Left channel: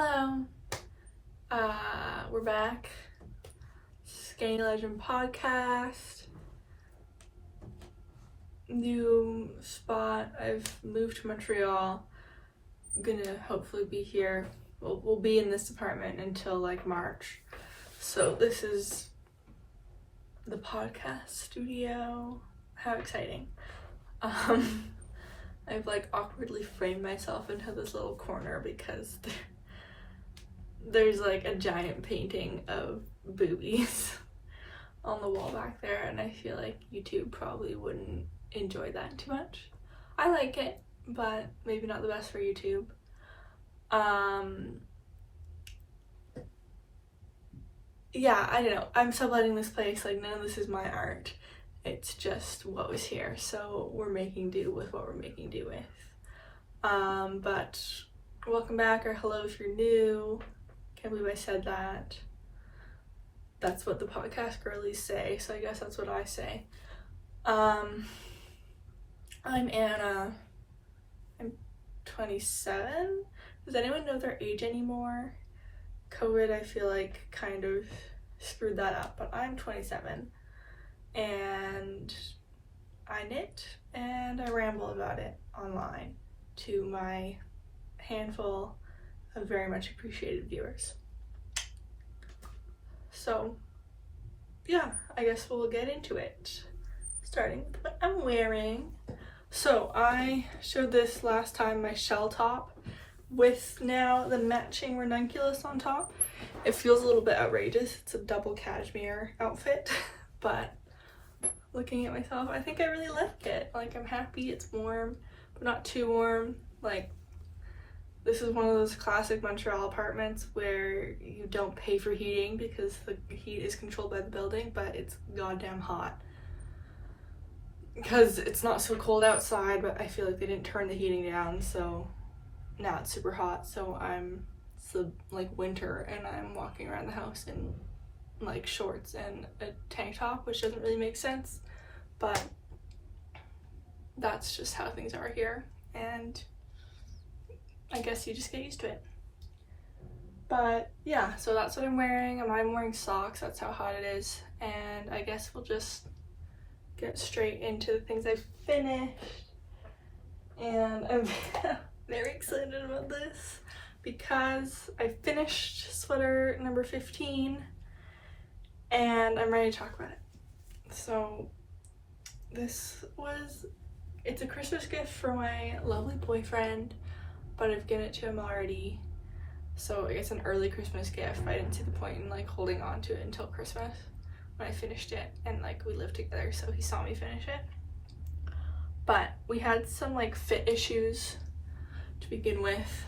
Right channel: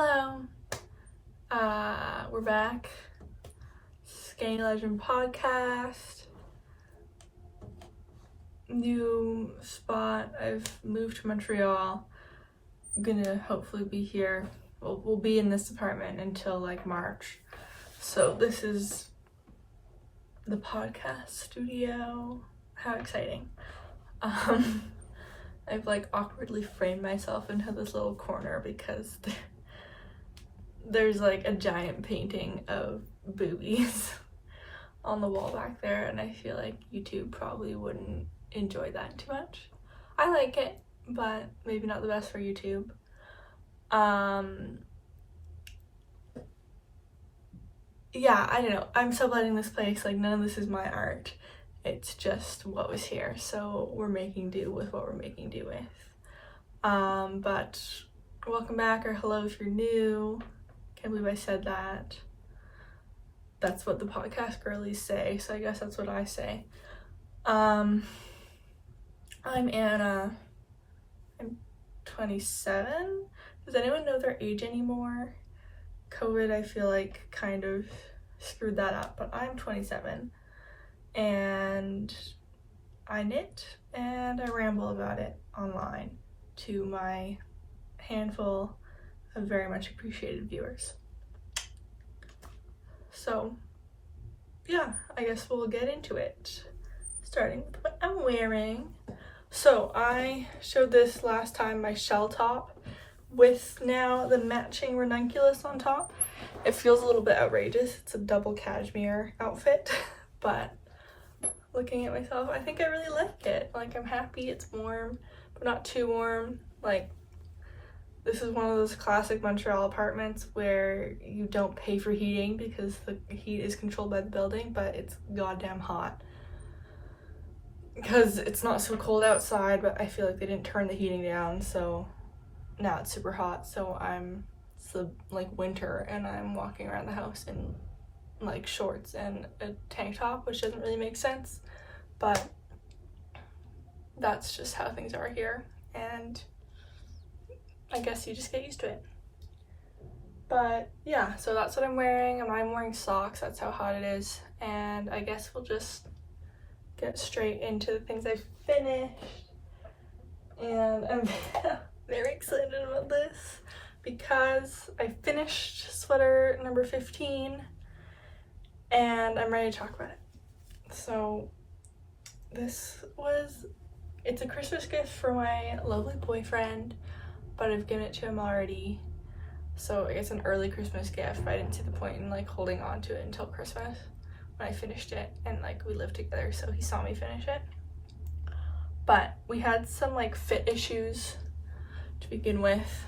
Hello, we're back. Skeiny Legend podcast. New spot. I've moved to Montreal. I'm gonna hopefully be here. We'll be in this apartment until like March. So this is the podcast studio. How exciting. I've like awkwardly framed myself into this little corner because there's like a giant painting of boobies on the wall back there, and I feel like YouTube probably wouldn't enjoy that too much. I like it, but maybe not the best for YouTube. Yeah, I don't know. I'm subletting this place. Like, none of this is my art. It's just what was here. So we're making do with what we're making do with. But welcome back, or hello if you're new. Can't believe I said that. That's what the podcast girlies say, so I guess that's what I say. I'm Anna. I'm 27. Does anyone know their age anymore? COVID, I feel like, kind of screwed that up, but I'm 27. And I knit and I ramble about it online to my handful of very much appreciated viewers. So yeah, I guess we'll get into it, starting with what I'm wearing. So I showed this last time, my shell top with now the matching ranunculus on top. It feels a little bit outrageous. It's a double cashmere outfit, but looking at myself, I think I really like it. Like, I'm happy it's warm, but not too warm. Like, this is one of those classic Montreal apartments where you don't pay for heating because the heat is controlled by the building, but it's goddamn hot. Because it's not so cold outside, but I feel like they didn't turn the heating down, so now it's super hot. So it's like winter, and I'm walking around the house in like shorts and a tank top, which doesn't really make sense, but that's just how things are here, and I guess you just get used to it. But yeah, so that's what I'm wearing. I'm wearing socks, that's how hot it is, and I guess we'll just get straight into the things I've finished. And I'm very excited about this because I finished sweater number 15 and I'm ready to talk about it. So it's a Christmas gift for my lovely boyfriend, but I've given it to him already. So it's an early Christmas gift, but I didn't see the point in like holding on to it until Christmas when I finished it, and like we lived together, so he saw me finish it. But we had some like fit issues to begin with.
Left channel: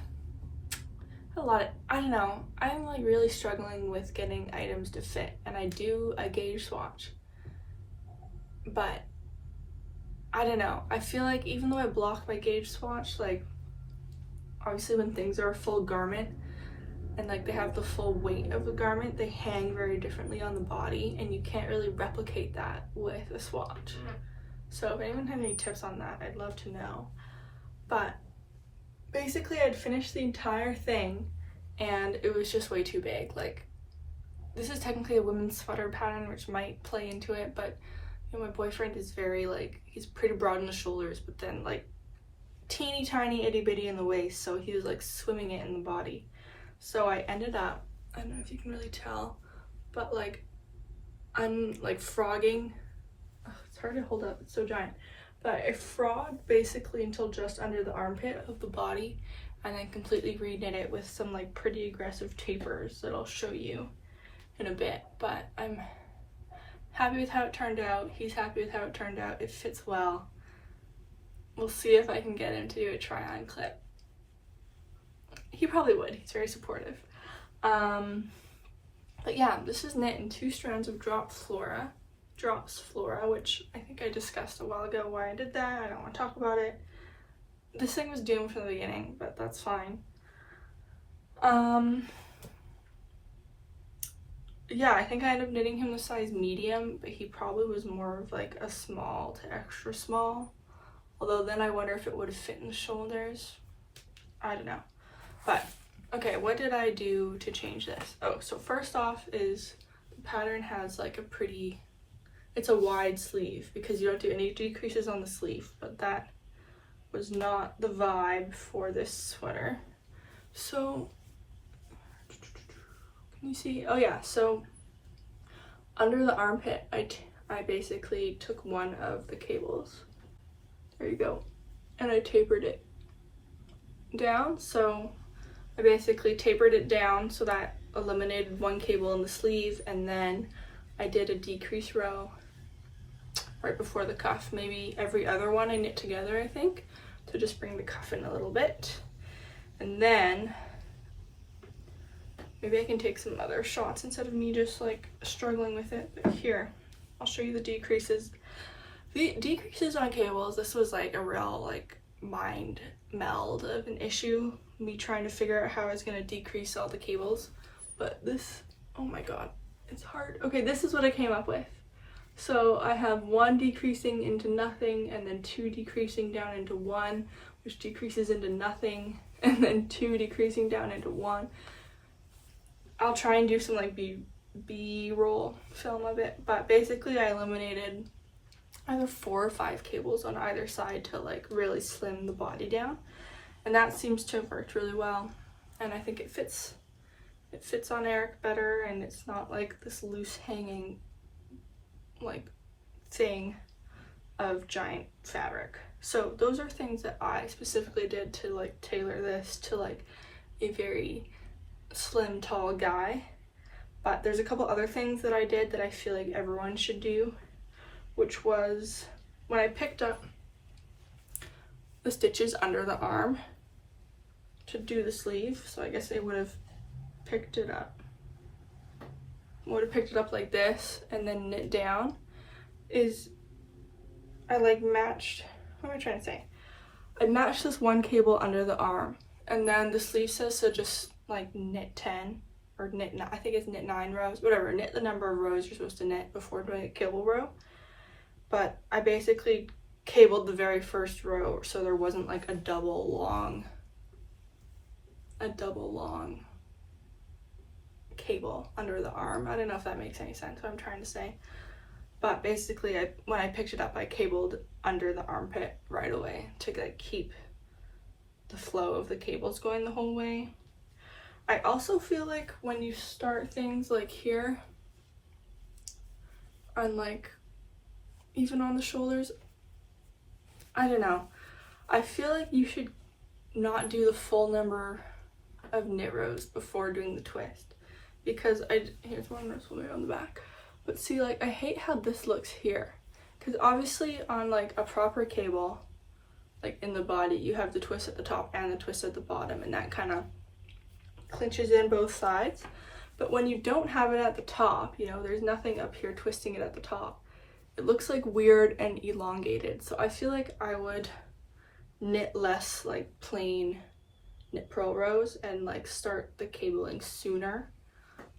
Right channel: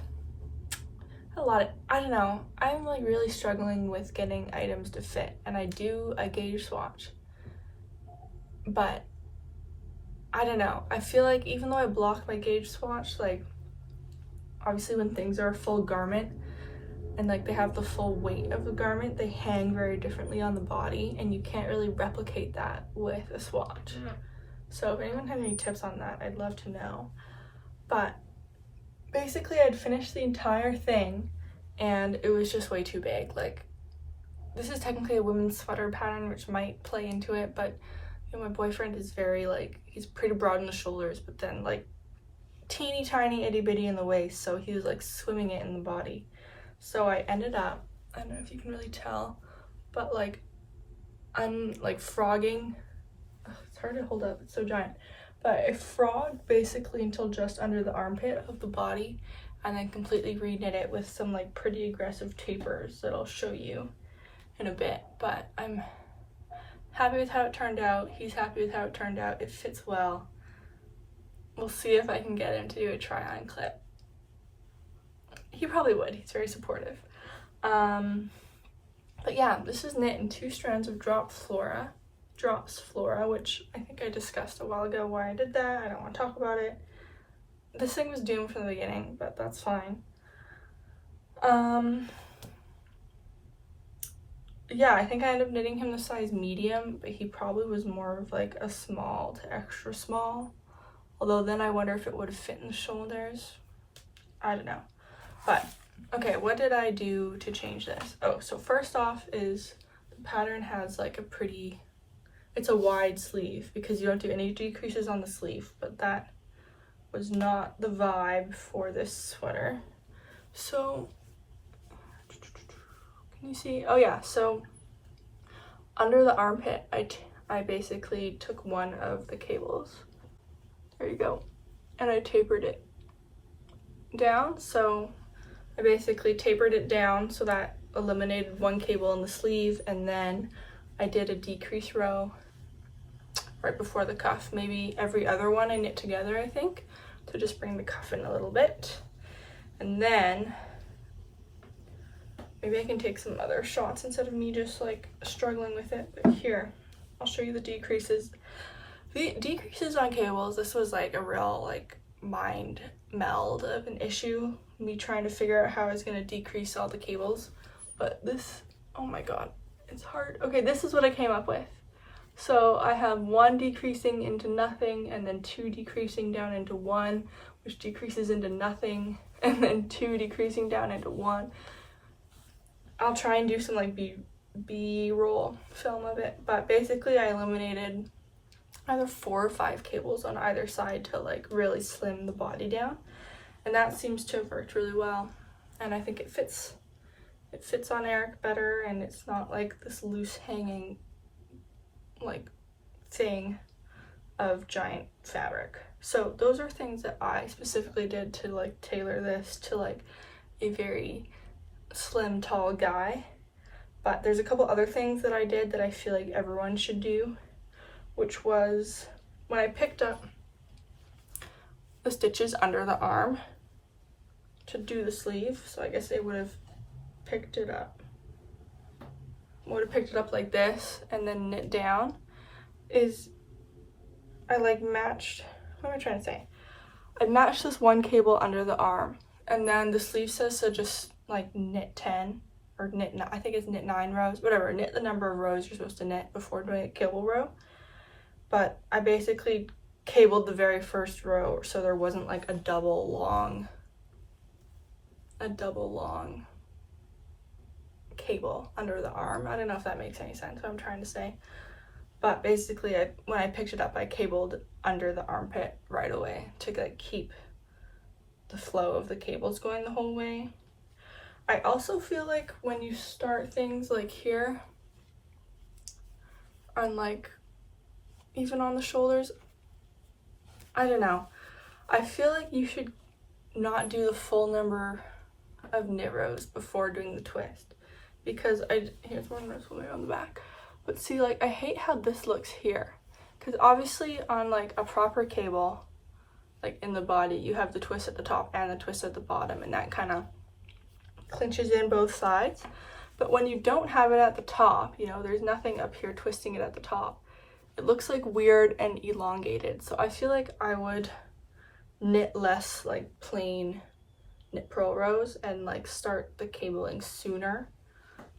I don't know, I'm like really struggling with getting items to fit, and I do a gauge swatch, but I don't know, I feel like even though I block my gauge swatch, like obviously when things are a full garment and like they have the full weight of the garment, they hang very differently on the body, and you can't really replicate that with a swatch. So if anyone has any tips on that, I'd love to know. But basically I'd finished the entire thing and it was just way too big. Like, this is technically a women's sweater pattern, which might play into it, but you know, my boyfriend is very like, he's pretty broad in the shoulders, but then like teeny tiny itty bitty in the waist, so he was like swimming it in the body. So I ended up, I don't know if you can really tell, but like I'm like frogging. It's hard to hold up, it's so giant, but I frogged basically until just under the armpit of the body, and then completely reknit it with some like pretty aggressive tapers that I'll show you in a bit. But I'm happy with how it turned out. He's happy with how it turned out. It fits well. We'll see if I can get him to do a try-on clip. He probably would. He's very supportive. But yeah, this is knit in 2 strands of drops flora, which I think I discussed a while ago why I did that. I don't want to talk about it. This thing was doomed from the beginning, but that's fine. Yeah, I think I ended up knitting him the size medium, but he probably was more of like a small to extra small. Although then I wonder if it would have fit in the shoulders. I don't know. But Okay, what did I do to change this? Oh, so first off is the pattern has like a pretty, it's a wide sleeve because you don't do any decreases on the sleeve, but that was not the vibe for this sweater. So, can you see? Oh yeah, so under the armpit, I basically took one of the cables. There you go. And I tapered it down. So I basically tapered it down so that eliminated one cable in the sleeve, and then I did a decrease row right before the cuff. Maybe every other one I knit together, I think, to just bring the cuff in a little bit. And then maybe I can take some other shots instead of me just like struggling with it. But here, I'll show you the decreases. The decreases on cables, this was like a real like mind meld of an issue, me trying to figure out how I was going to decrease all the cables. But this, oh my god, it's hard. Okay, this is what I came up with. So I have one decreasing into nothing, and then two decreasing down into one, which decreases into nothing, and then two decreasing down into one. I'll try and do some like B-roll film of it, but basically I eliminated either 4 or 5 cables on either side to like really slim the body down, and that seems to have worked really well. And I think it fits on Eric better, and it's not like this loose hanging like thing of giant fabric. So those are things that I specifically did to like tailor this to like a very slim tall guy. But there's a couple other things that I did that I feel like everyone should do, which was when I picked up the stitches under the arm to do the sleeve. So I guess I would have picked it up like this and then knit down. Is I like matched, what am I trying to say? I matched this one cable under the arm, and then the sleeve says so just like knit 10 or knit, I think it's knit 9 rows, whatever, knit the number of rows you're supposed to knit before doing a cable row. But I basically cabled the very first row so there wasn't like a double long cable under the arm. I don't know if that makes any sense what I'm trying to say. But basically, when I picked it up, I cabled under the armpit right away to like keep the flow of the cables going the whole way. I also feel like when you start things like here, and like even on the shoulders, I don't know, I feel like you should not do the full number of knit rows before doing the twist, because here's one this way on the back. But see, like, I hate how this looks here, because obviously on like a proper cable, like in the body, you have the twist at the top and the twist at the bottom, and that kind of clinches in both sides. But when you don't have it at the top, you know, there's nothing up here twisting it at the top, it looks like weird and elongated. So I feel like I would knit less like plain knit purl rows and like start the cabling sooner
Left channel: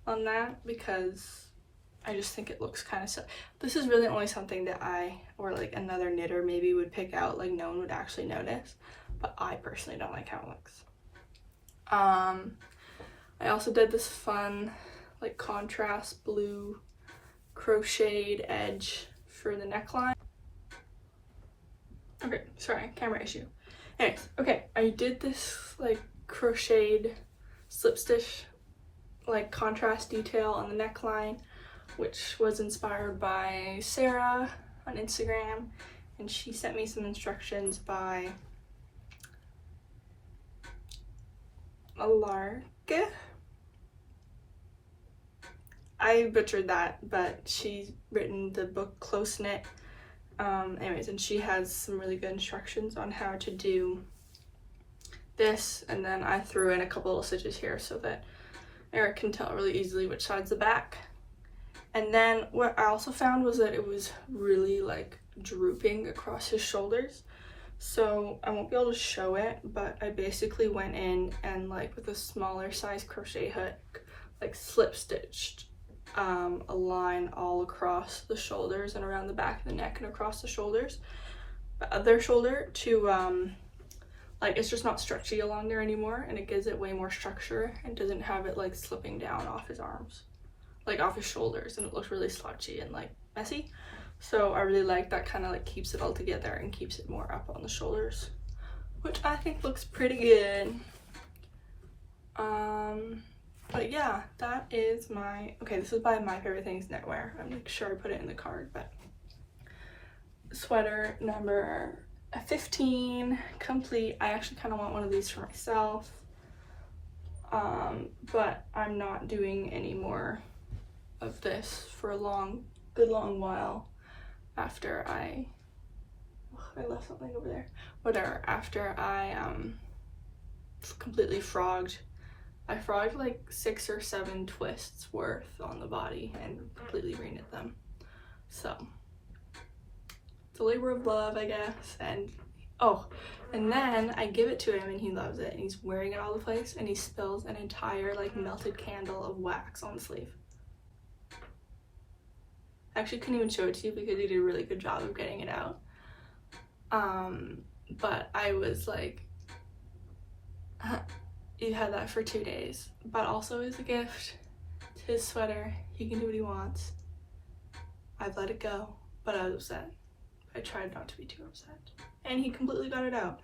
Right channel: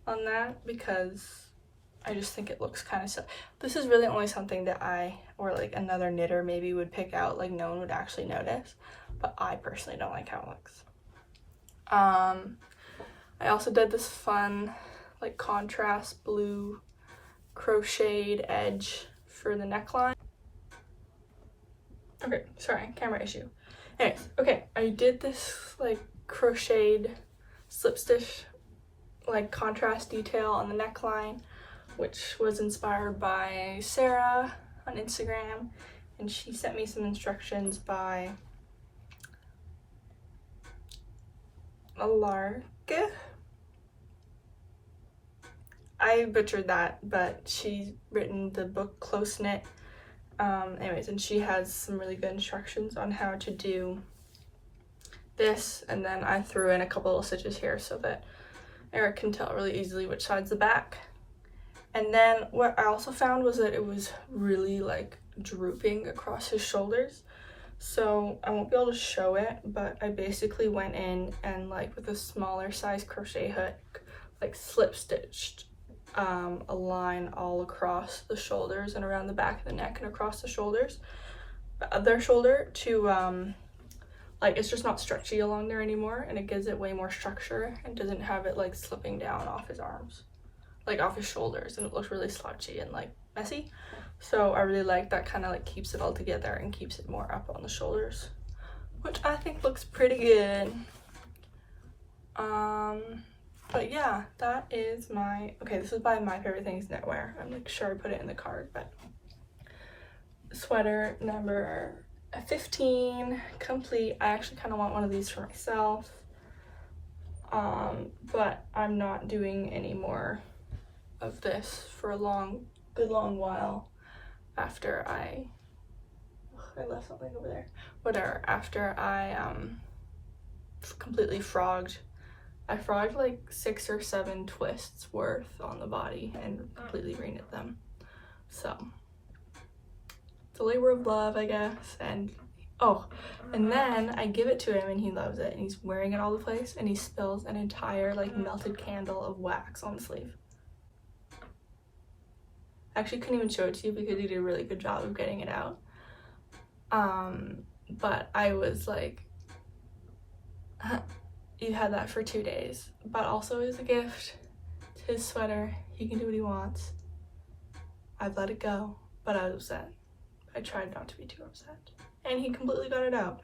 on that, because I just think it looks kind of silly. This is really only something that I, or like another knitter maybe, would pick out, like no one would actually notice, but I personally don't like how it looks. I also did this fun like contrast blue crocheted edge for the neckline. Okay, sorry, camera issue. Anyways, okay, I did this like crocheted slip stitch like contrast detail on the neckline, which was inspired by Sarah on Instagram, and she sent me some instructions by Alarke. I butchered that, but she's written the book Close Knit. Anyways, and she has some really good instructions on how to do this, and then I threw in a couple of stitches here so that Eric can tell really easily which side's the back. And then what I also found was that it was really like drooping across his shoulders, so I won't be able to show it, but I basically went in and like with a smaller size crochet hook like slip stitched a line all across the shoulders and around the back of the neck and across the shoulders, the other shoulder, to like it's just not stretchy along there anymore, and it gives it way more structure and doesn't have it like slipping down off his arms, like off his shoulders, and it looks really slouchy and like messy. So I really like that, kind of like keeps it all together and keeps it more up on the shoulders, which I think looks pretty good. But yeah, that is my, okay, this is by My Favorite Things Knitwear. I'm like sure I put it in the card, but sweater number 15, complete. I actually kind of want one of these for myself, but I'm not doing any more of this for a good long while after I left something over there. Whatever, after I completely frogged. I frogged like 6 or 7 twists worth on the body and completely reknit them. So it's a labor of love, I guess. And oh, and then I give it to him and he loves it, and he's wearing it all the place, and he spills an entire like melted candle of wax on the sleeve. I actually couldn't even show it to you because he did a really good job of getting it out. But I was like, you had that for 2 days, but also as a gift. It's his sweater, he can do what he wants. I've let it go, but I was upset. I tried not to be too upset, and he completely got it out,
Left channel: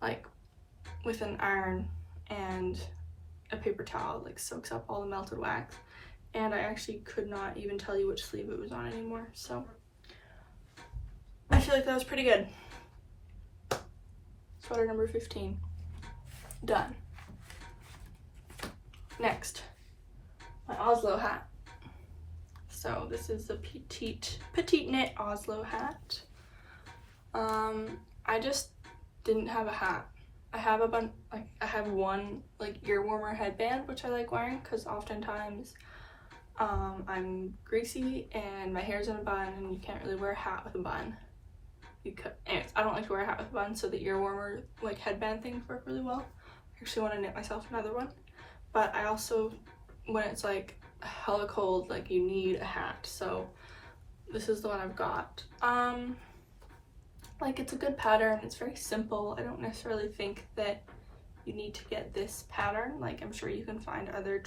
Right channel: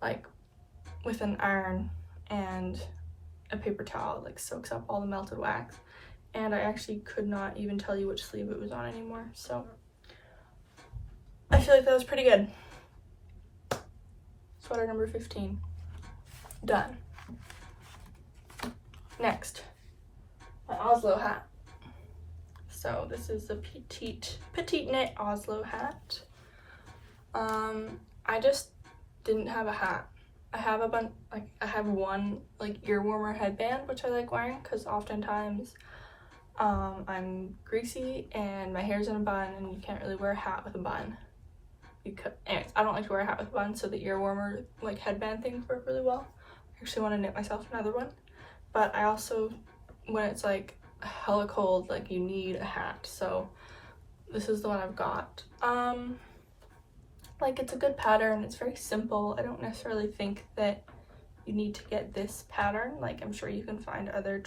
like with an iron and a paper towel, like soaks up all the melted wax. And I actually could not even tell you which sleeve it was on anymore, so I feel like that was pretty good. Sweater number 15. Done. Next, my Oslo hat. So this is a petite knit Oslo hat. I just didn't have a hat. I have a bunch, like I have one like ear warmer headband, which I like wearing because oftentimes I'm greasy and my hair's in a bun, and you can't really wear a hat with a bun. Because, anyways, I don't like to wear a hat with a bun, so the ear warmer like headband things work really well. I actually want to knit myself another one, but I also, when it's like hella cold, like you need a hat, so this is the one I've got. Like it's a good pattern, it's very simple. I don't necessarily think that you need to get this pattern. Like I'm sure you can find other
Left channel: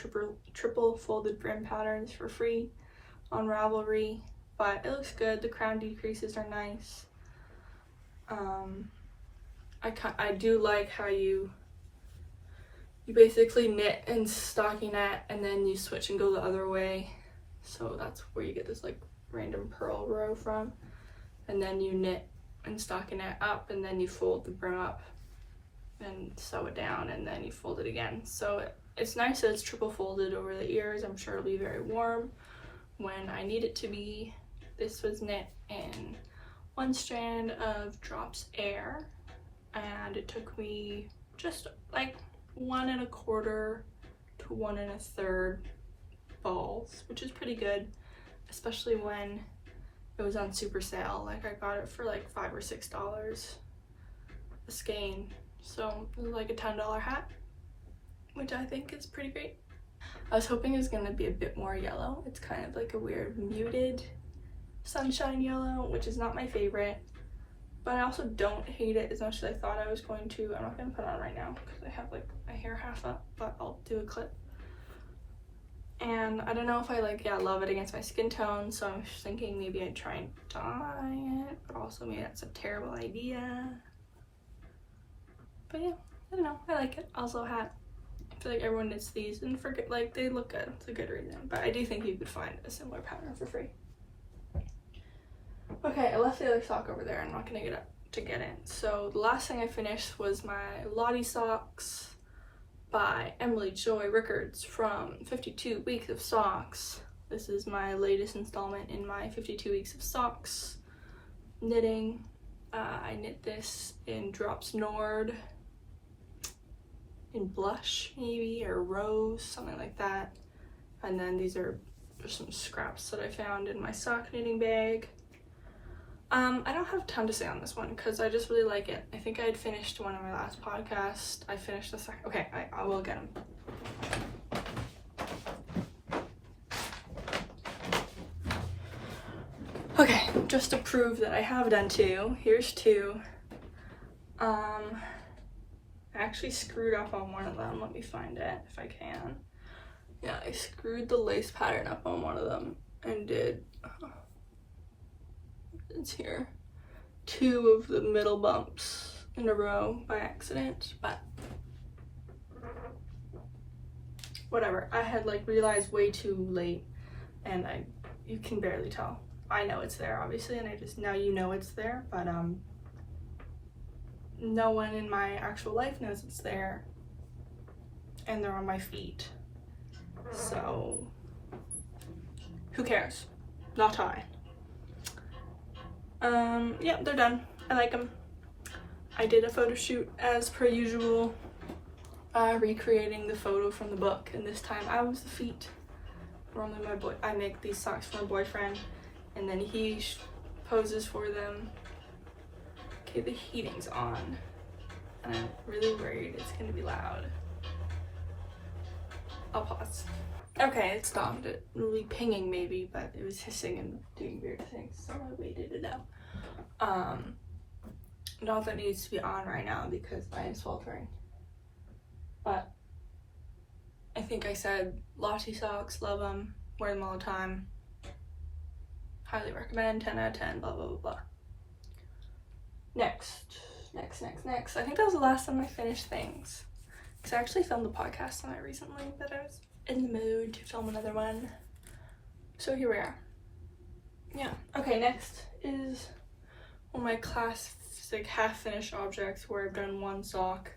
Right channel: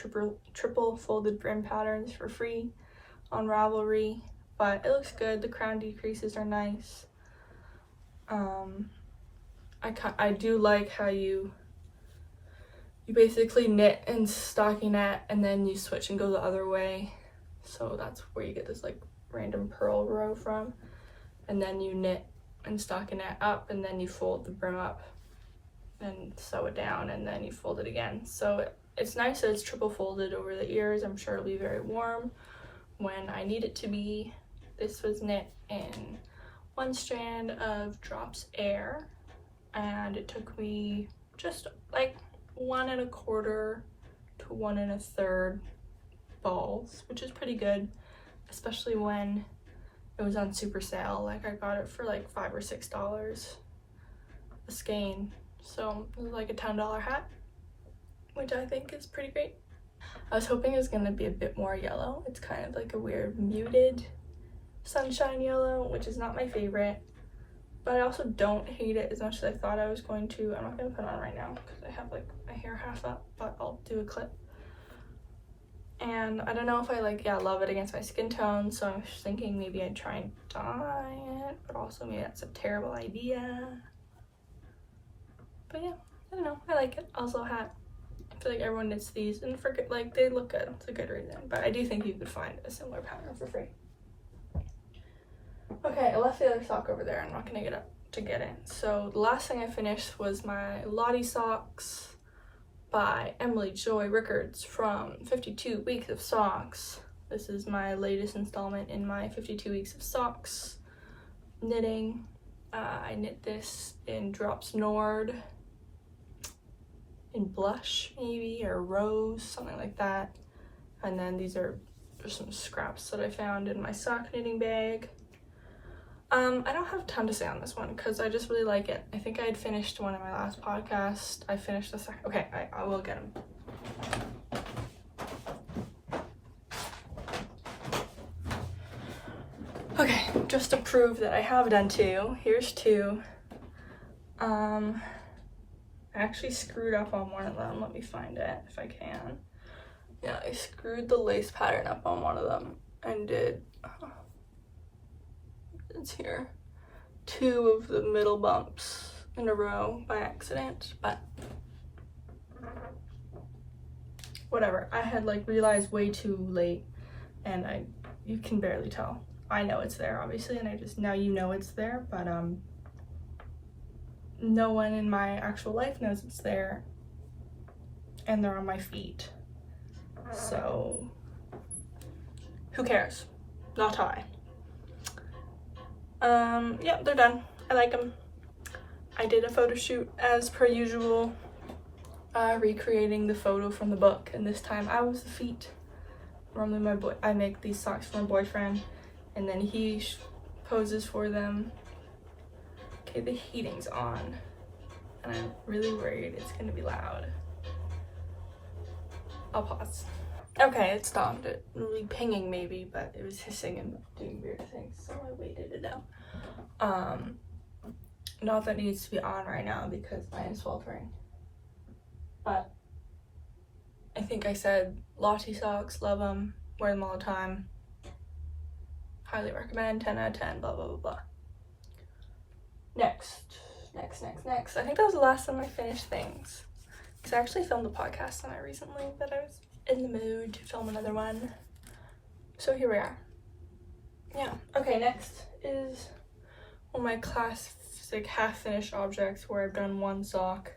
triple folded brim patterns for free on Ravelry, but it looks good. The crown decreases are nice. I do like how you basically knit and stockinette and then you switch and go the other way, so that's where you get this like random purl row from, and then you knit and stockinette up, and then you fold the brim up and sew it down, and then you fold it again. So it's nice that it's triple folded over the ears. I'm sure it'll be very warm when I need it to be. This was knit in 1 strand of Drops Air, and it took me just like 1 1/4 to 1 1/3 balls, which is pretty good, especially when it was on super sale. Like I got it for like $5 or $6 a skein, so it was like a $10 hat, which I think is pretty great. I was hoping it was going to be a bit more yellow. It's kind of like a weird muted sunshine yellow, which is not my favorite, but I also don't hate it as much as I thought I was going to. I'm not going to put it on right now because I have like my hair half up, but I'll do a clip. And I don't know if I like, love it against my skin tone, so I'm just thinking maybe I'd try and dye it, but also maybe that's a terrible idea. But yeah, I don't know, I like it. Oslo Hat. I feel like everyone knits these and forget, like they look good. It's a good reason, but I do think you could find a similar pattern for free. Okay, I left the other sock over there. I'm not gonna get up to get in. So the last thing I finished was my Lotte Socks by Emily Joy Rickards from 52 Weeks of Socks. This is my latest installment in my 52 Weeks of Socks knitting. I knit this in Drops Nord, in Blush maybe, or Rose, something like that. And then these are just some scraps that I found in my sock knitting bag. I don't have a ton to say on this one because I just really like it. I think I had finished one in my last podcast. I finished the second. Okay, I will get them. Okay, just to prove that I have done 2, here's 2. I actually screwed up on one of them. Let me find it if I can. Yeah, I screwed the lace pattern up on one of them and did, it's here, 2 of the middle bumps in a row by accident, but whatever. I had like realized way too late, and you can barely tell. I know it's there obviously, and I just, now you know it's there, but no one in my actual life knows it's there, and they're on my feet, so who cares? Not I. Yeah, they're done. I like them. I did a photo shoot as per usual, recreating the photo from the book, and this time I was the feet. Normally I make these socks for my boyfriend, and then he poses for them. Okay, the heating's on, and I'm really worried it's gonna be loud. I'll pause. Okay, it stopped. It really pinging maybe, but it was hissing and doing weird things, so I waited it out. Not that it needs to be on right now because mine is sweltering. But I think I said Lotte Socks, love them, wear them all the time. Highly recommend, 10 out of 10, blah, blah, blah, blah. Next. I think that was the last time I finished things. Because I actually filmed a podcast on it recently, but I was in the mood to film another one. So here we are. Yeah. Okay, next is one of my class like half-finished objects where I've done one sock.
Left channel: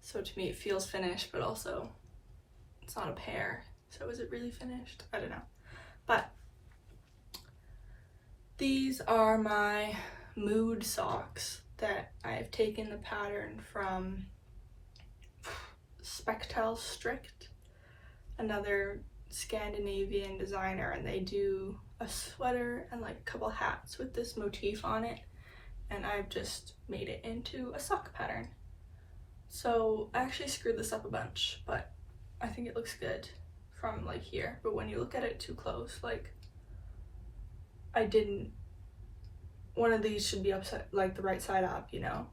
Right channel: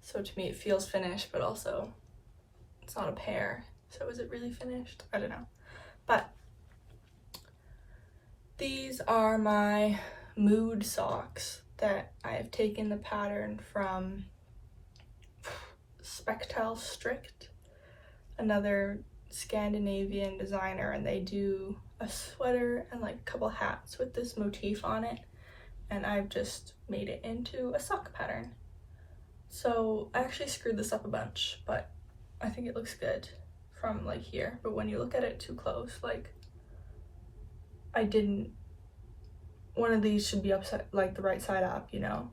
So to me it feels finished, but also it's not a pair. So is it really finished? I don't know. But these are my mood socks that I've taken the pattern from Spectile Strict, another Scandinavian designer, and they do a sweater and like a couple hats with this motif on it, and I've just made it into a sock pattern. So I actually screwed this up a bunch, but I think it looks good from like here, but when you look at it too close, like one of these should be upside, like the right side up, you know?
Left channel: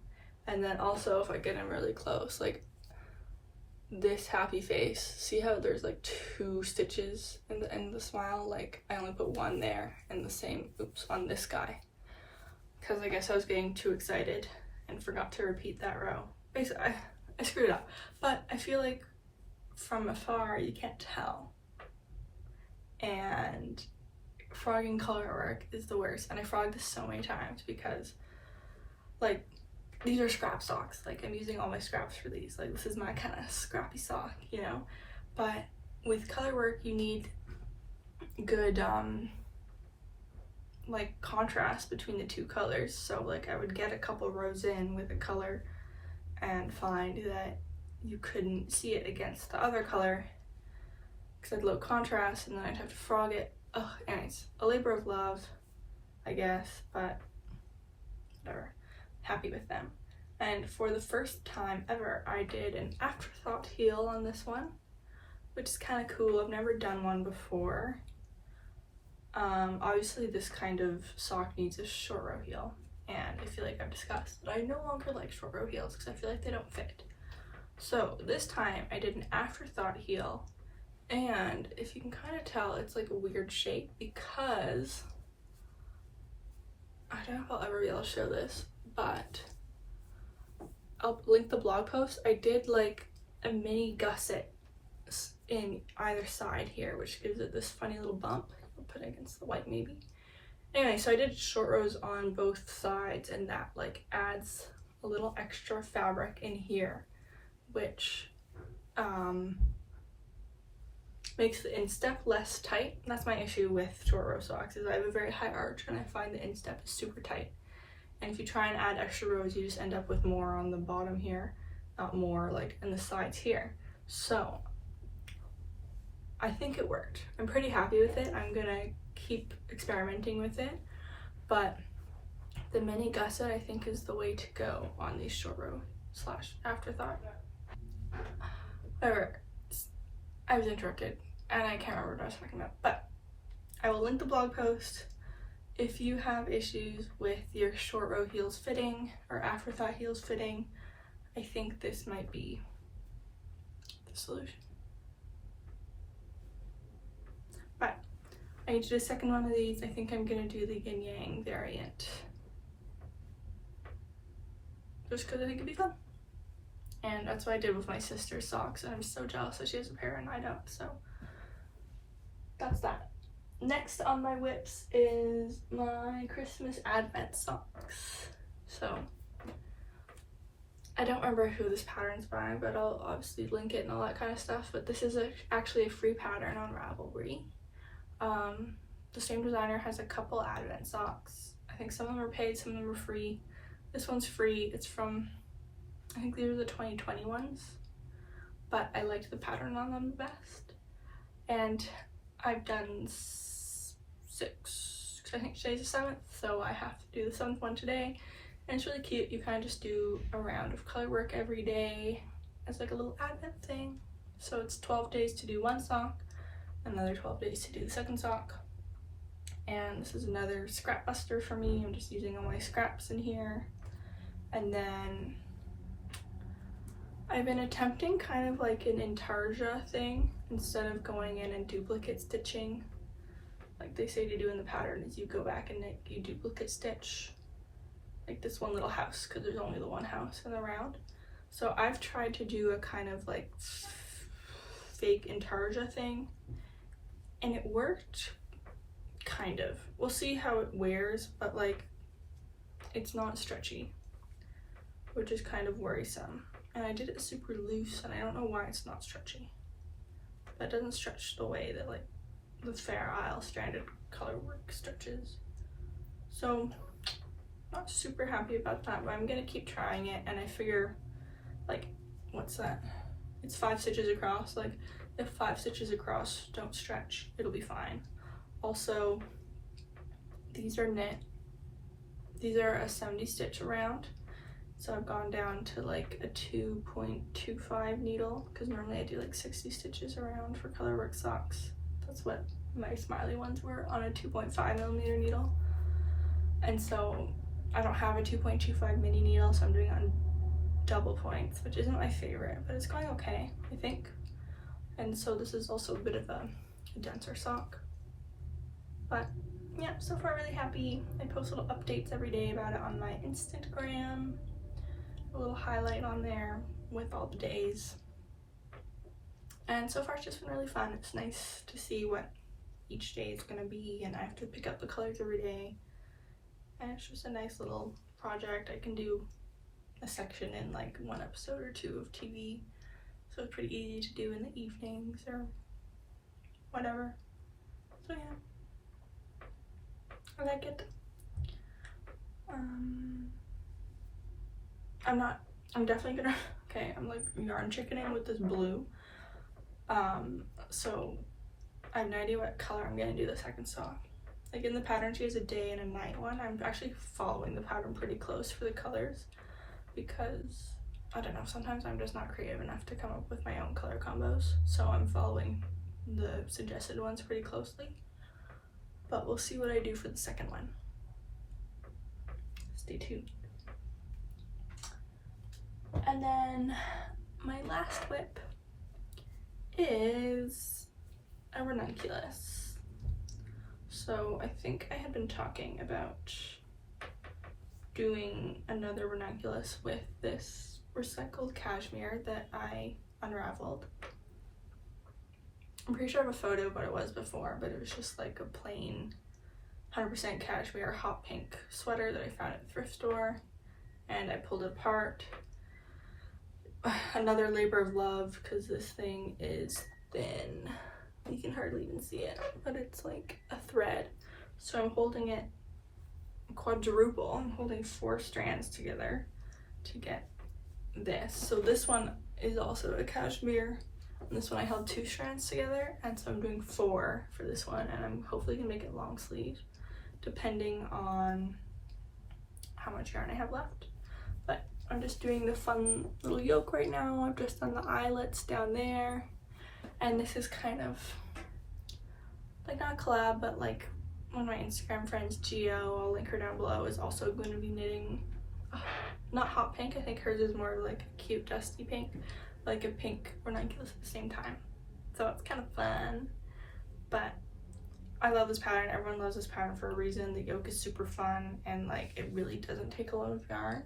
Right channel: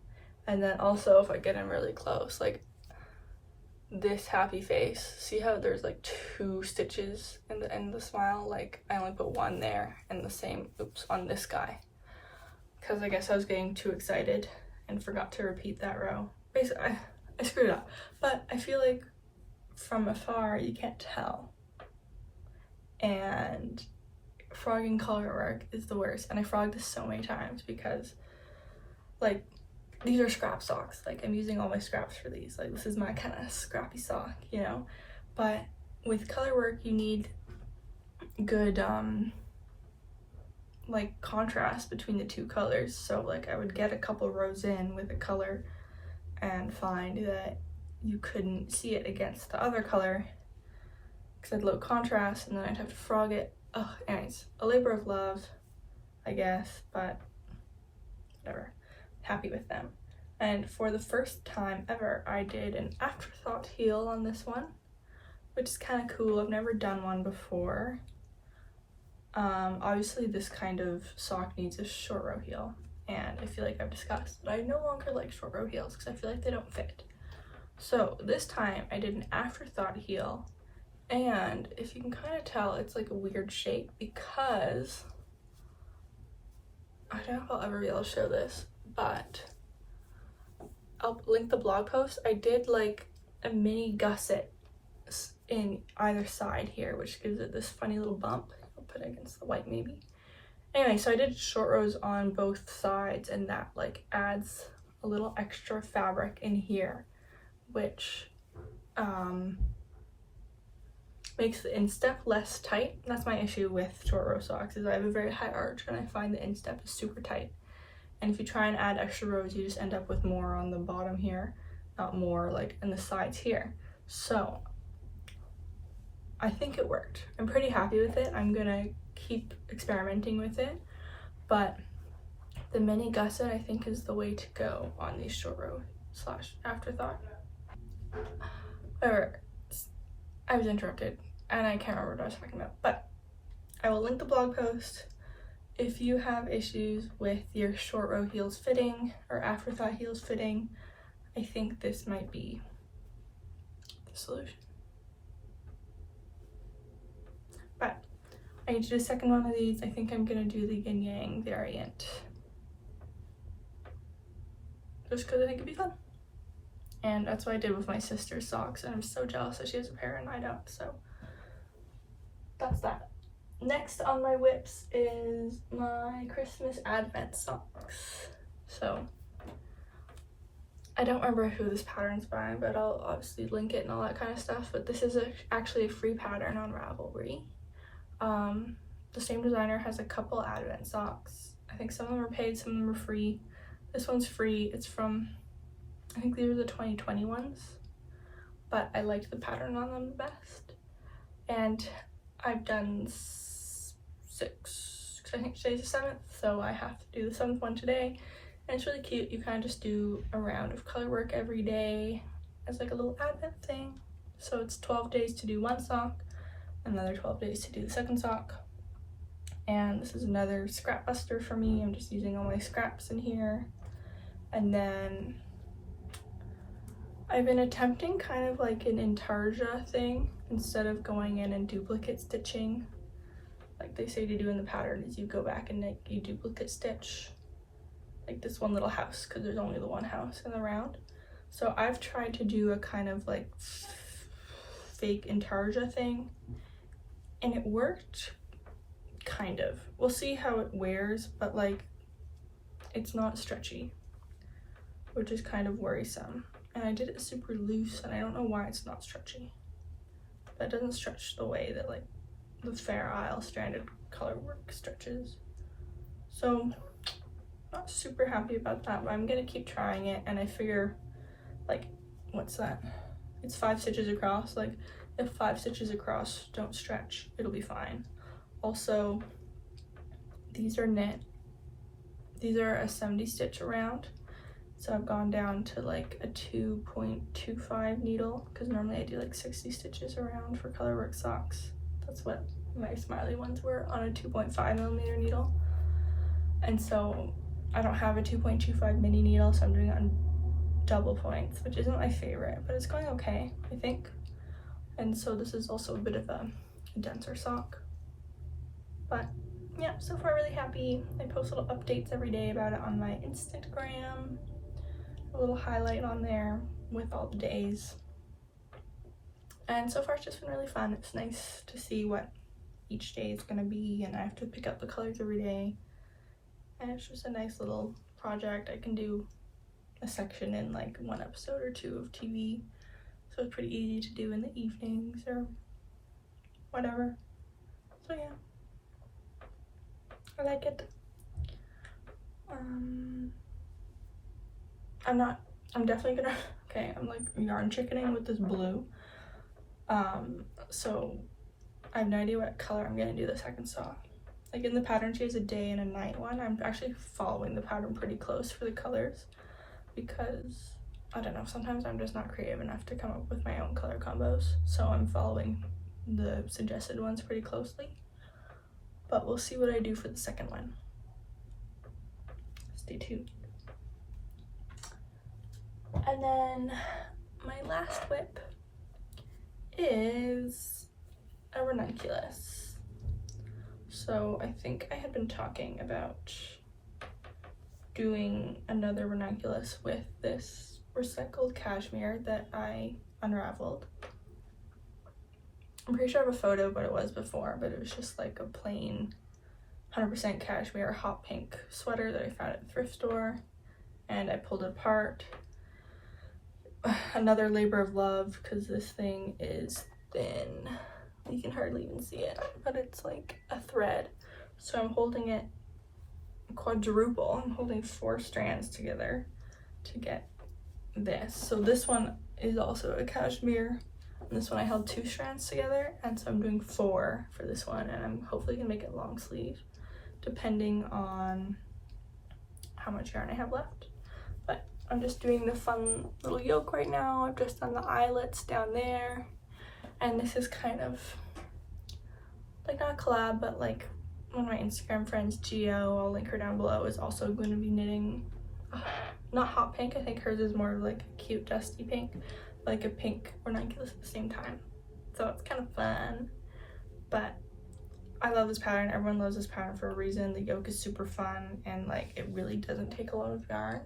And then also if I get in really close, like this happy face, see how there's like 2 stitches in the end of the smile? Like I only put 1 there, and the same, oops, on this guy. Because I guess I was getting too excited and forgot to repeat that row. Basically, I screwed it up. But I feel like from afar you can't tell. And frogging color work is the worst. And I frogged this so many times because like these are scrap socks. Like I'm using all my scraps for these. Like this is my kind of scrappy sock, you know? But with color work you need good like contrast between the 2 colors. So like I would get a couple rows in with a color and find that you couldn't see it against the other color because I had low contrast, and then I'd have to frog it. Ugh, anyways, a labor of love, I guess, but whatever. Happy with them. And for the first time ever, I did an afterthought heel on this one, which is kind of cool. I've never done one before. Obviously this kind of sock needs a short row heel, and I feel like I've discussed that I no longer like short row heels because I feel like they don't fit. So this time I did an afterthought heel, and if you can kind of tell, it's like a weird shape because I don't know if I'll ever be able to show this, but I'll link the blog post. I did like a mini gusset in either side here, which gives it this funny little bump. I'll put it against the white maybe. Anyway, so I did short rows on both sides, and that like adds a little extra fabric in here, which makes the instep less tight. That's my issue with short row socks, is I have a very high arch and I find the instep is super tight. And if you try and add extra rows, you just end up with more on the bottom here, not more like in the sides here. So I think it worked. I'm pretty happy with it. I'm gonna keep experimenting with it, but the mini gusset I think is the way to go on these short row / afterthought. Whatever, I was interrupted and I can't remember what I was talking about, but I will link the blog post if you have issues with your short row heels fitting or afterthought heels fitting, I think this might be the solution. But I need to do a second one of these. I think I'm gonna do the yin yang variant, just because I think it'd be fun. And that's what I did with my sister's socks, and I'm so jealous that she has a pair and I don't. So that's that. Next on my whips is my Christmas Advent socks. So I don't remember who this pattern's by, but I'll obviously link it and all that kind of stuff. But this is actually a free pattern on Ravelry. The same designer has a couple Advent socks. I think some of them are paid, some of them are free. This one's free. It's from, I think these are the 2020 ones, but I liked the pattern on them the best. And I've done 6, because I think today's the 7th, so I have to do the 7th one today. And it's really cute. You kind of just do a round of color work every day as like a little Advent thing. So it's 12 days to do one sock, another 12 days to do the second sock. And this is another scrap buster for me. I'm just using all my scraps in here. And then I've been attempting kind of like an intarsia thing instead of going in and duplicate stitching like they say to do in the pattern. Is you go back and you duplicate stitch like this one little house, because there's only the one house in the round. So I've tried to do a kind of like fake intarsia thing, and it worked kind of. We'll see how it wears, but like it's not stretchy, which is kind of worrisome. And I did it super loose, and I don't know why it's not stretchy. But it doesn't stretch the way that like the Fair Isle stranded color work stretches. So not super happy about that, but I'm gonna keep trying it. And I figure, like, what's that? It's 5 stitches across. Like, if 5 stitches across don't stretch, it'll be fine. Also, these are knit. These are a 70 stitch around. So I've gone down to like a 2.25 needle, because normally I do like 60 stitches around for colorwork socks. That's what my smiley ones were, on a 2.5mm needle. And so I don't have a 2.25 mini needle, so I'm doing it on double points, which isn't my favorite, but it's going okay, I think. And so this is also a bit of a denser sock. But yeah, so far really happy. I post little updates every day about it on my Instagram. A little highlight on there with all the days. And so far it's just been really fun. It's nice to see what each day is gonna be, and I have to pick up the colors every day. And it's just a nice little project. I can do a section in like 1 episode or 2 of TV. So it's pretty easy to do in the evenings or whatever. So yeah, I like it. I'm definitely gonna, okay, I'm like yarn chickening with this blue. So I have no idea what color I'm gonna do the second sock. Like in the pattern, she has a day and a night one. I'm actually following the pattern pretty close for the colors, because I don't know, sometimes I'm just not creative enough to come up with my own color combos. So I'm following the suggested ones pretty closely. But we'll see what I do for the second one. Stay tuned. And then my last whip is a ranunculus. So I think I had been talking about doing another ranunculus with this recycled cashmere that I unraveled. I'm pretty sure I have a photo of what it was before, but it was just like a plain 100% cashmere hot pink sweater that I found at the thrift store, and I pulled it apart. Another labor of love, because this thing is thin. You can hardly even see it, but it's like a thread. So I'm holding it quadruple. I'm holding 4 strands together to get this. So this one is also a cashmere. And this one I held 2 strands together, and so I'm doing 4 for this one, and I'm hopefully gonna make it long sleeve, depending on how much yarn I have left. But I'm just doing the fun little yoke right now. I've just done the eyelets down there, and this is kind of like not a collab, but like one of my Instagram friends, Gio, I'll link her down below, is also going to be knitting, not hot pink, I think hers is more like a cute dusty pink, like a pink ranunculus at the same time. So it's kind of fun, but I love this pattern. Everyone loves this pattern for a reason. The yoke is super fun, and like it really doesn't take a lot of yarn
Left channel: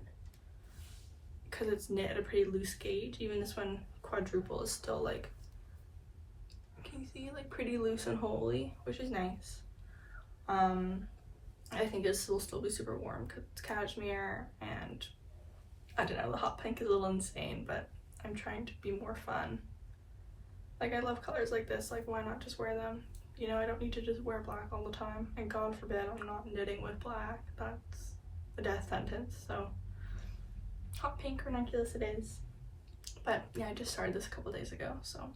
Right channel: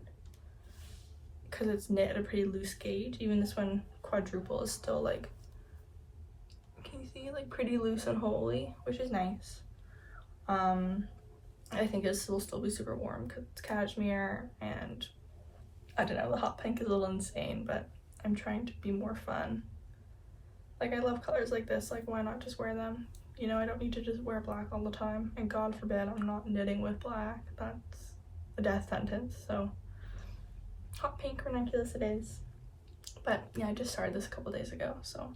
because it's knit at a pretty loose gauge. Even this one, quadruple, is still like, can you see, like pretty loose and holey, which is nice. I think this will still be super warm because it's cashmere, and I don't know, the hot pink is a little insane, but I'm trying to be more fun. Like, I love colors like this, like why not just wear them? You know, I don't need to just wear black all the time, and God forbid I'm not knitting with black. That's a death sentence. So hot pink ranunculus it is. But yeah, I just started this a couple days ago, so I'm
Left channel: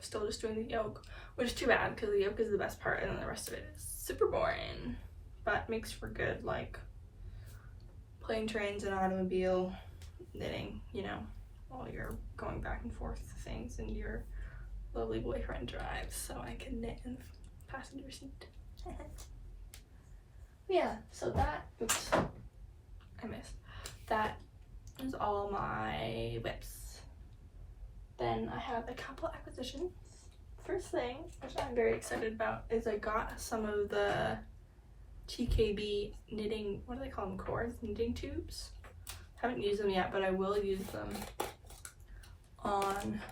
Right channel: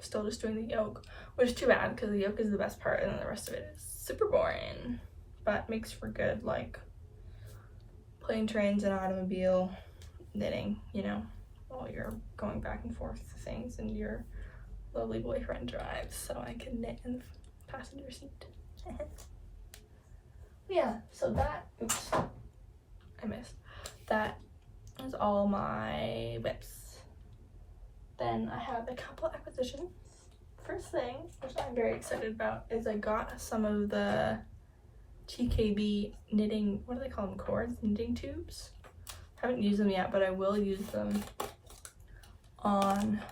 still just doing the yoke, which is too bad because the yoke is the best part and then the rest of it is super boring, but makes for good like plane trains and automobile knitting, you know, while you're going back and forth to things and your lovely boyfriend drives, so I can knit in the passenger seat. Yeah, so that, oops, I missed. That is all my whips. Then I have a couple acquisitions. First thing, which I'm very excited about, is I got some of the TKB knitting, what do they call them, cords? Knitting tubes? Haven't used them yet, but I will use them on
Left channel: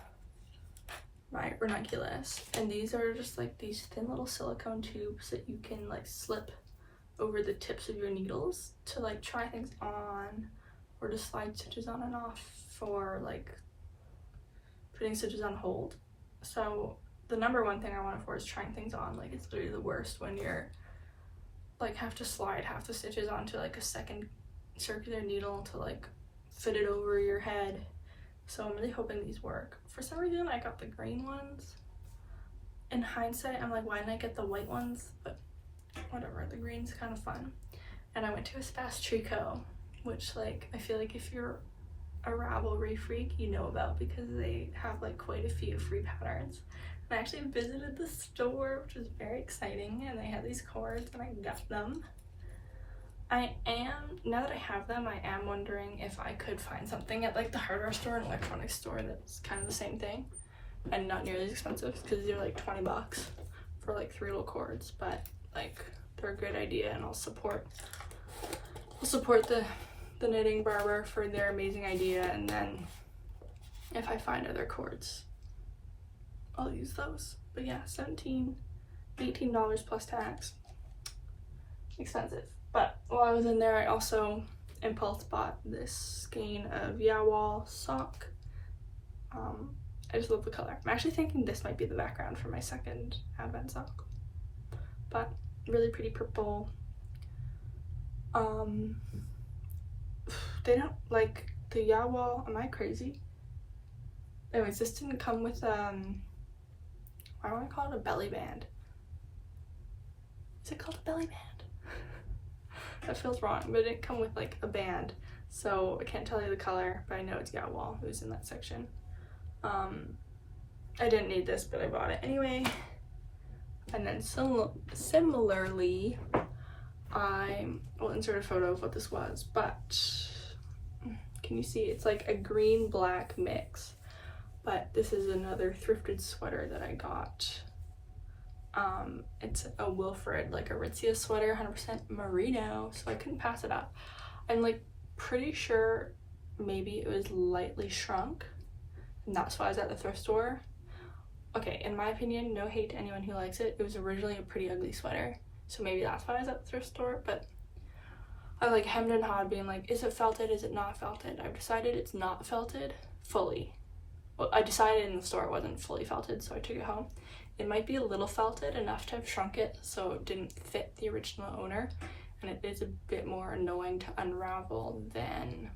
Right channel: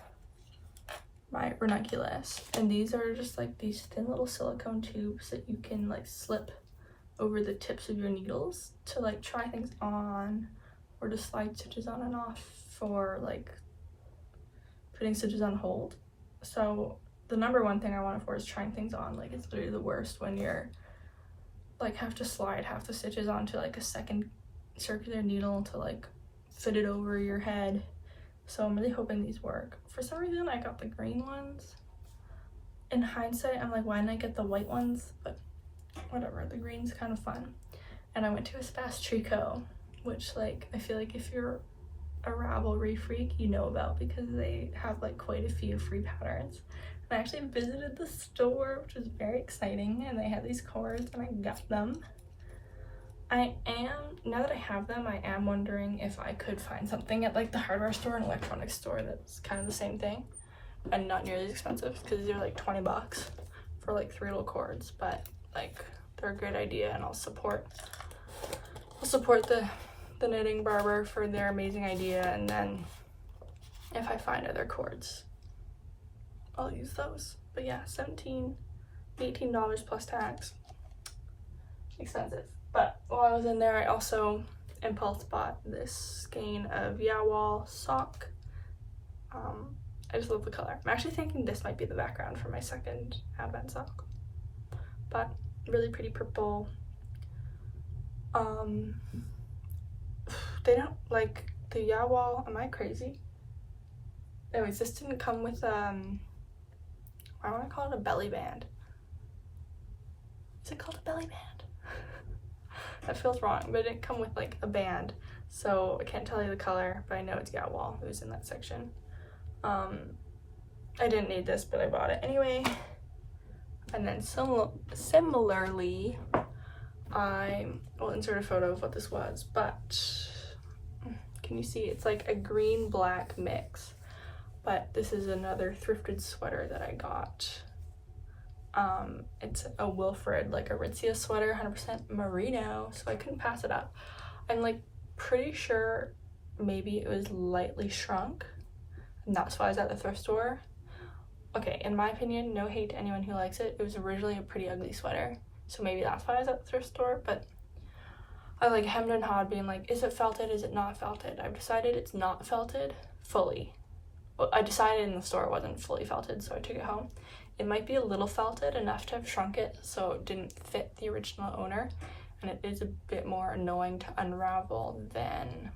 my ranunculus. And these are just like these thin little silicone tubes that you can like slip over the tips of your needles to like try things on, or to slide stitches on and off for like putting stitches on hold. So the number one thing I want it for is trying things on. Like, it's literally the worst when you're like have to slide half the stitches onto like a second circular needle to like fit it over your head. So I'm really hoping these work. For some reason I got the green ones. In hindsight, I'm like, why didn't I get the white ones? But whatever, the green's kind of fun. And I went to Espace Tricot, which like I feel like if you're a Ravelry freak, you know about, because they have like quite a few free patterns. And I actually visited the store, which was very exciting, and they had these cords and I got them. Now that I have them, I am wondering if I could find something at like the hardware store and electronics store that's kind of the same thing and not nearly as expensive, because they're like 20 bucks for like 3 little cords, but like they're a good idea, and I'll support the knitting barber for their amazing idea, and then if I find other cords I'll use those. But yeah, $18 plus tax. Expensive. But while I was in there, I also impulse bought this skein of Weeooo sock. I just love the color. I'm actually thinking this might be the background for my second advent sock, but really pretty purple. They don't like the Weeooo. Am I crazy? Anyways, this didn't come with I want to call it a belly band. Is it called a belly band? That feels wrong, but it didn't come with like a band, so I can't tell you the color, but I know it's Weeooo who's in that section. I didn't need this, but I bought it anyway. And then similarly, I will insert a photo of what this was, but can you see? It's like a green black mix, but this is another thrifted sweater that I got. It's a Wilfred, like Aritzia sweater, 100% merino, so I couldn't pass it up. I'm like pretty sure maybe it was lightly shrunk, and that's why I was at the thrift store. Okay, in my opinion, no hate to anyone who likes it, it was originally a pretty ugly sweater, so maybe that's why I was at the thrift store. But I like hemmed and hawed, being like, is it felted, is it not felted? I've decided it's not felted fully. Well, I decided in the store it wasn't fully felted, so I took it home. It might be a little felted, enough to have shrunk it so it didn't fit the original owner, and it is a bit more annoying to unravel than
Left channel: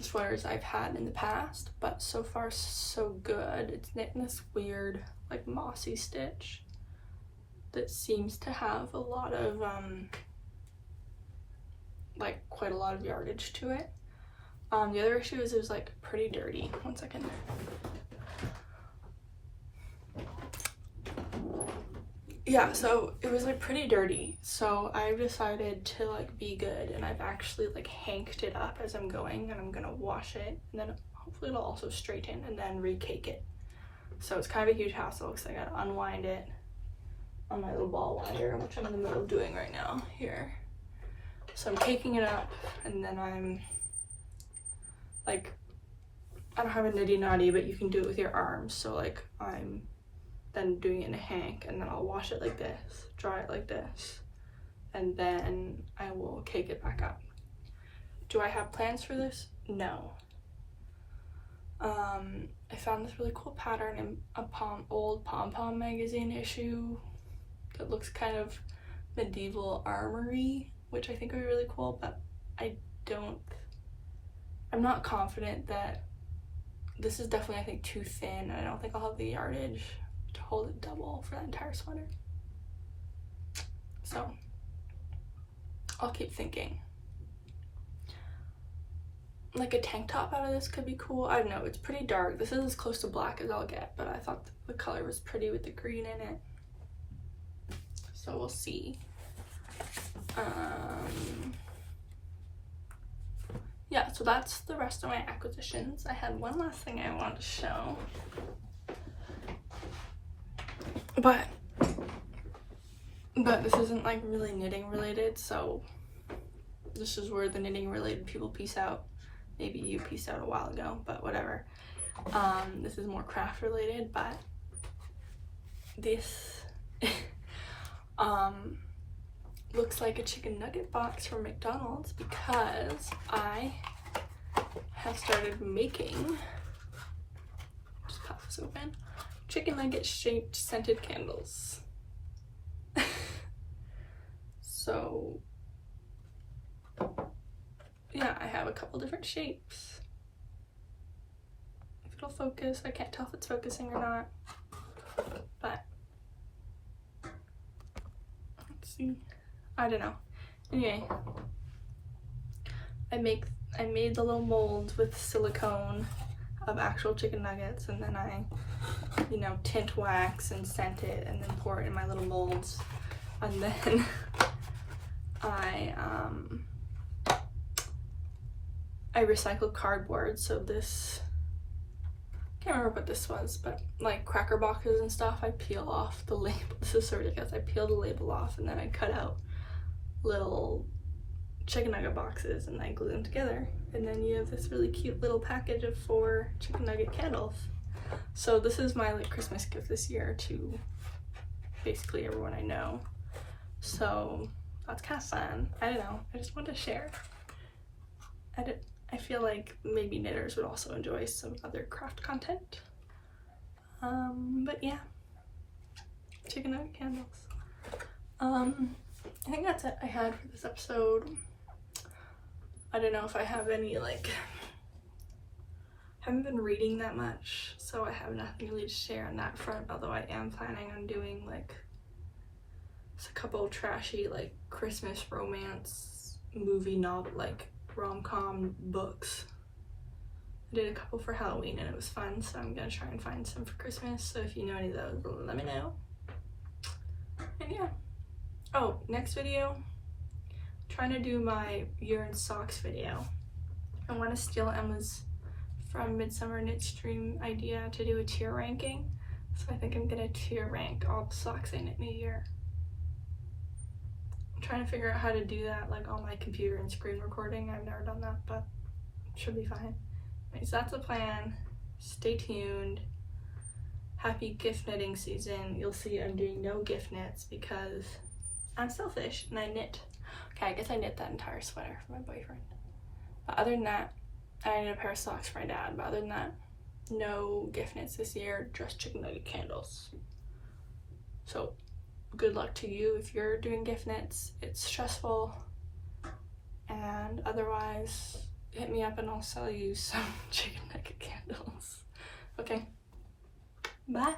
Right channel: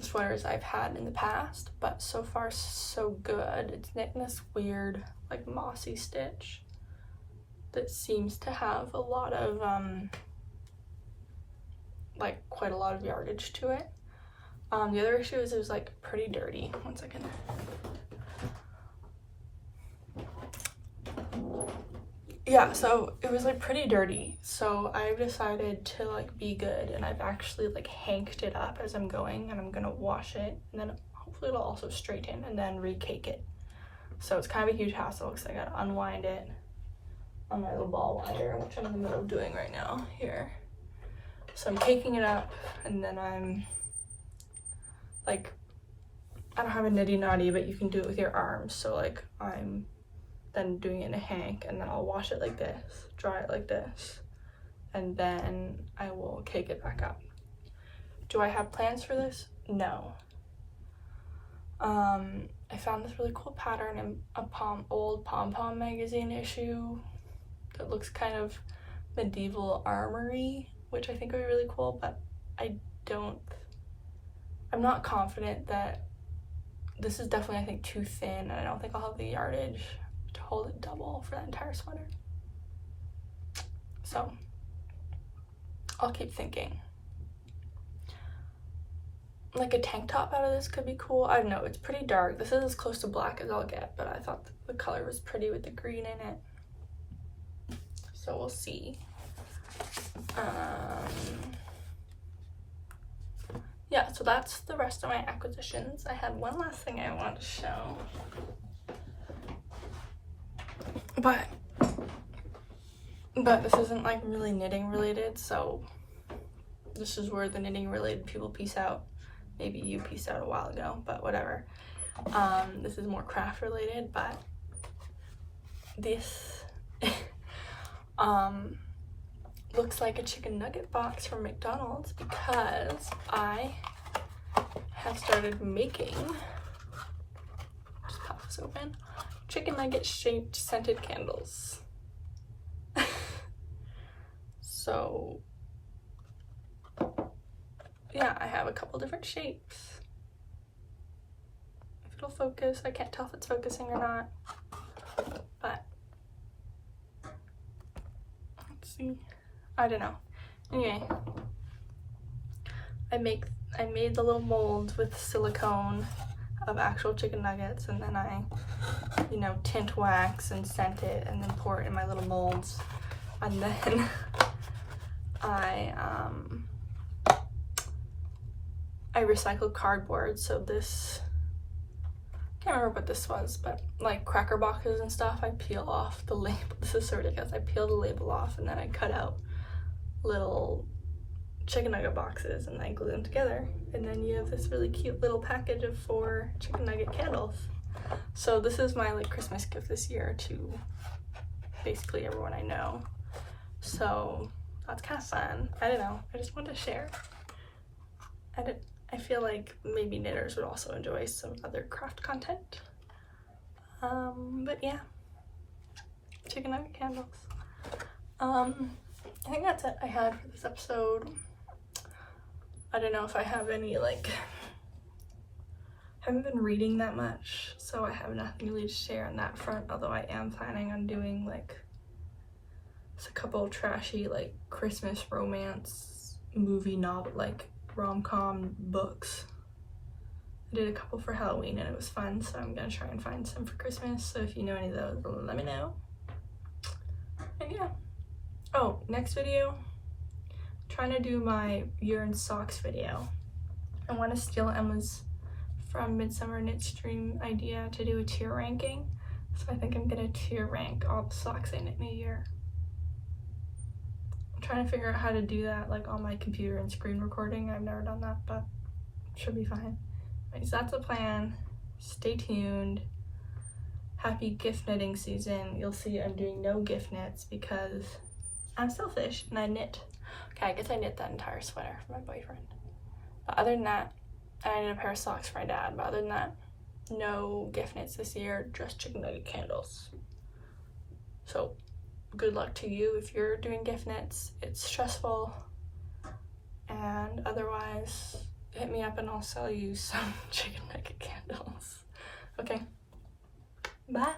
sweaters I've had in the past, but so far so good. It's knit in this weird like mossy stitch that seems to have a lot of like quite a lot of yardage to it. The other issue is it was like pretty dirty. One second. yeah, so it was like pretty dirty, so I've decided to like be good, and I've actually like hanked it up as I'm going, and I'm gonna wash it, and then hopefully it'll also straighten, and then recake it. So it's kind of a huge hassle because I gotta unwind it on my little ball winder, which I'm in the middle of doing right now here. So I'm caking it up, and then I'm like, I don't have a nitty knotty, but you can do it with your arms. So like I'm then doing it in a hank, and then I'll wash it like this, dry it like this, and then I will cake it back up. Do I have plans for this? No. I found this really cool pattern in a old Pom-Pom magazine issue that looks kind of medieval armory, which I think would be really cool, but I'm not confident that this is definitely, I think, too thin, and I don't think I'll have the yardage to hold it double for that entire sweater. So I'll keep thinking. Like a tank top out of this could be cool. I don't know, it's pretty dark. This is as close to black as I'll get, but I thought the color was pretty with the green in it. So we'll see. Yeah, so that's the rest of my acquisitions. I had one last thing I wanted to show. But this isn't like really knitting related, so this is where the knitting related people peace out. Maybe you pieced out a while ago, but whatever. This is more craft related, but this looks like a chicken nugget box from McDonald's because I have started making, just pop this open, chicken nugget shaped scented candles. So yeah, I have a couple different shapes. If it'll focus, I can't tell if it's focusing or not, but let's see. I don't know. Anyway, I made the little molds with silicone of actual chicken nuggets, and then I, you know, tint wax and scent it, and then pour it in my little molds, and then I recycled cardboard. So this, I can't remember what this was, but like cracker boxes and stuff, I peel off the label. This is so ridiculous. I peel the label off, and then I cut out little chicken nugget boxes, and I glue them together, and then you have this really cute little package of 4 chicken nugget candles. So this is my like Christmas gift this year to basically everyone I know. So that's kind of fun. I don't know, I just wanted to share. I feel like maybe knitters would also enjoy some other craft content. But yeah, chicken nugget candles. I think that's it I had for this episode. I don't know if I have any, like, haven't been reading that much, so I have nothing really to share on that front, although I am planning on doing like a couple trashy like Christmas romance movie novel, like rom-com books. I did a couple for Halloween and it was fun, so I'm gonna try and find some for Christmas. So if you know any of those, let me know. And yeah. Oh, next video, I'm trying to do my urine socks video. I want to steal Emma's from Midsummer Knit Stream idea to do a tier ranking. So I think I'm gonna tier rank all the socks I knit in a year. I'm trying to figure out how to do that like on my computer and screen recording. I've never done that, but it should be fine. Right, so that's the plan. Stay tuned. Happy gift knitting season. You'll see I'm doing no gift knits because I'm selfish and I knit. Okay, I guess I knit that entire sweater for my boyfriend. But other than that, I knit a pair of socks for my dad. But other than that, no gift knits this year, just chicken nugget candles. So good luck to you if you're doing gift knits. It's stressful. And otherwise, hit me up and I'll sell you some chicken nugget candles. Okay, bye.